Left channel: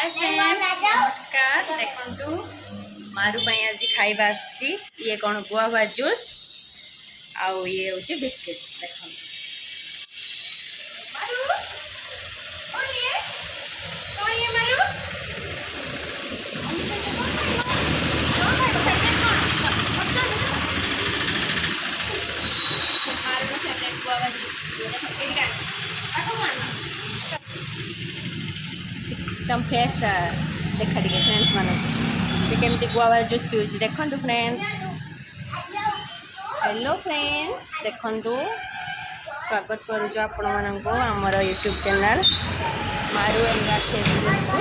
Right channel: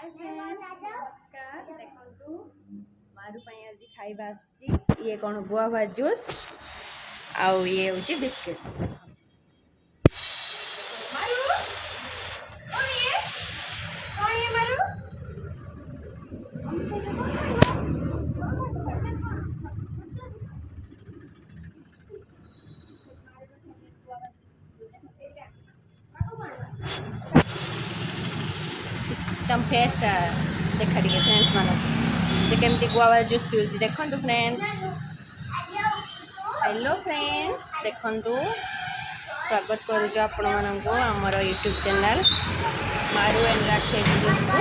Hi friends नमस्कार देखंतु मारू पई आज खाइबा आछि ये कोन गुआवा जूस आउ ये होची बिस्किट्स देखंतु मारू कोन ये मारू एकदम फेस्ट देखा टे फ्रेंड्स मान केमती गुआवा जूस पीऊँ देखु फ्रेंड्स। हेलो फ्रेंड्स देखु स्वागत करुच आपण मानक आमर यूट्यूब चैनल मारू एंड राखी को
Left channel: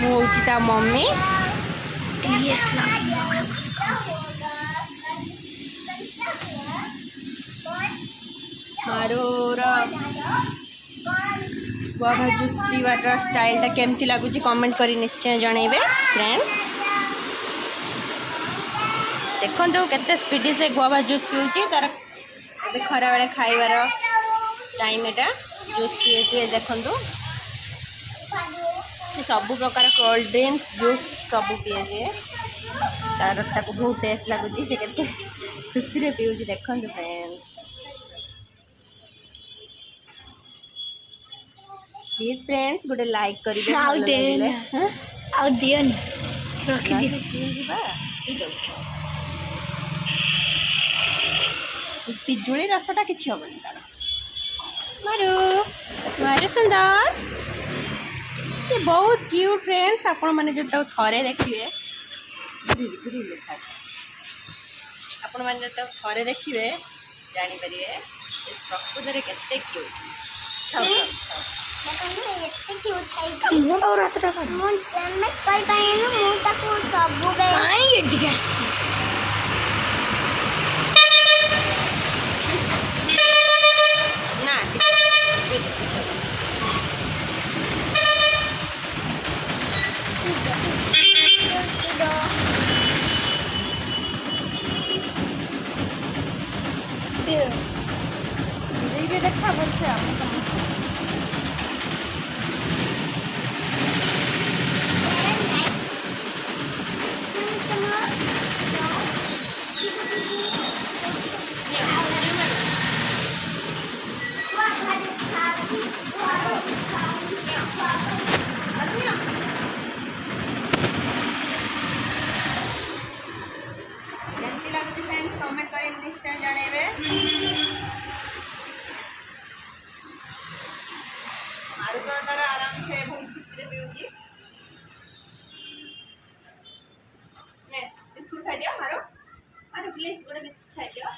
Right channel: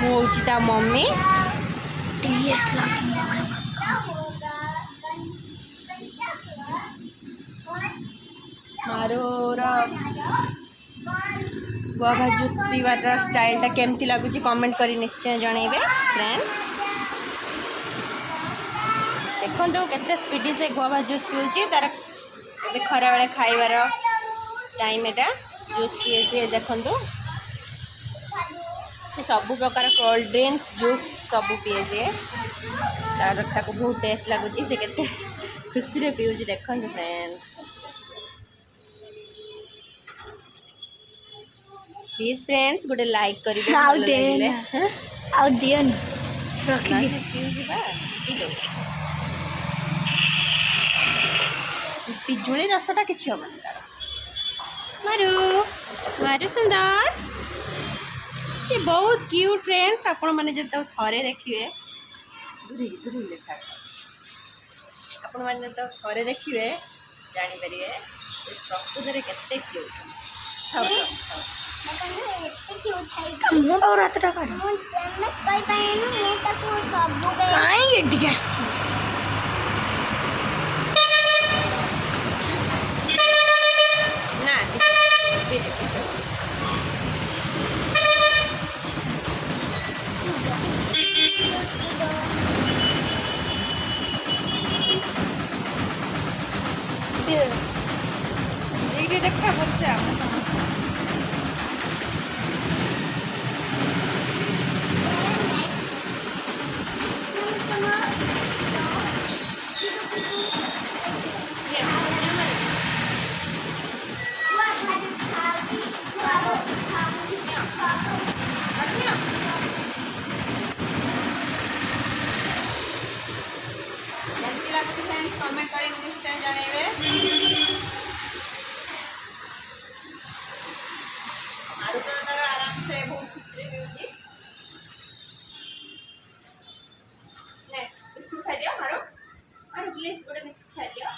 हूँ ता मम्मी मारूर गुआवा जूस पीवार स्टाइल केमती लगुच कमेंट करी निश्चय जनइबे फ्रेंड्स। देखो केते स्पीडी से गुआवा जूस पीऊँ तार ए खरा बेले खाइबार टाइम एटा जूस पीए सी देखु सब प्रकार कोल्ड ड्रिंक्स जूस सब पीए सी तार ताको बहुत टेस्ट लगुच से केते खुशी रे पीऊँ देखु फ्रेंड्स। प्लीज फ्रेंड्स गोटे लाइक करिवे भल लागिले आ दियन रखी दे पीऊ जीवा पी दो पिजुली रसटा किछि हबन तार मारू मारू सुंदर से बहुत क्यूट फ्रेंड्स आपण माने जत थरे देखिवे दूरी लेखा आपण माने जत थरे देखिवे जानि परिवे प्रकृति रे केते क्यूट खाओ ମୁଁ ଆଉ ରାତଟା କାଟ ମୁଁ ତମେ କଇ ପାଇନୁ ମୁଁ ତାକୁ ସବୁ ବେ କାଇଁ ଏଠି ଆସିଛି ନା देखिए देखा बोलते हम कमेंट करें निश्चय जणेबे। मारू तो तार आराम से बहुत खुशी रे पीऊँ ने बिस्कुट खाई दियो मारू मारू प्लीज गोटे बिस्कुट खाई दियो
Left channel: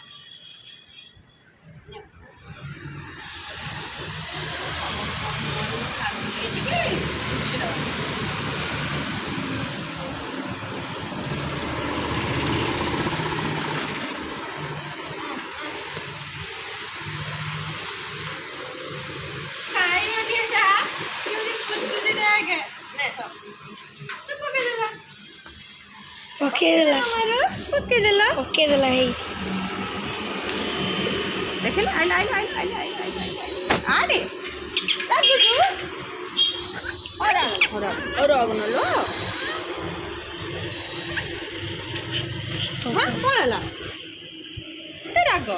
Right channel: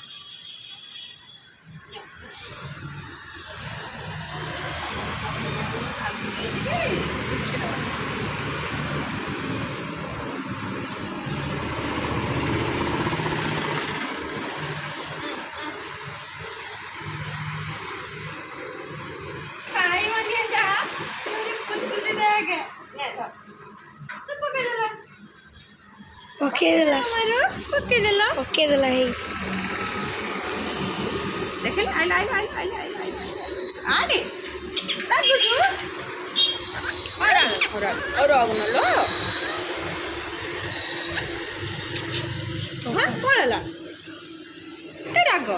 पकेदेला है देख आड़े और अगनलो कौन है राग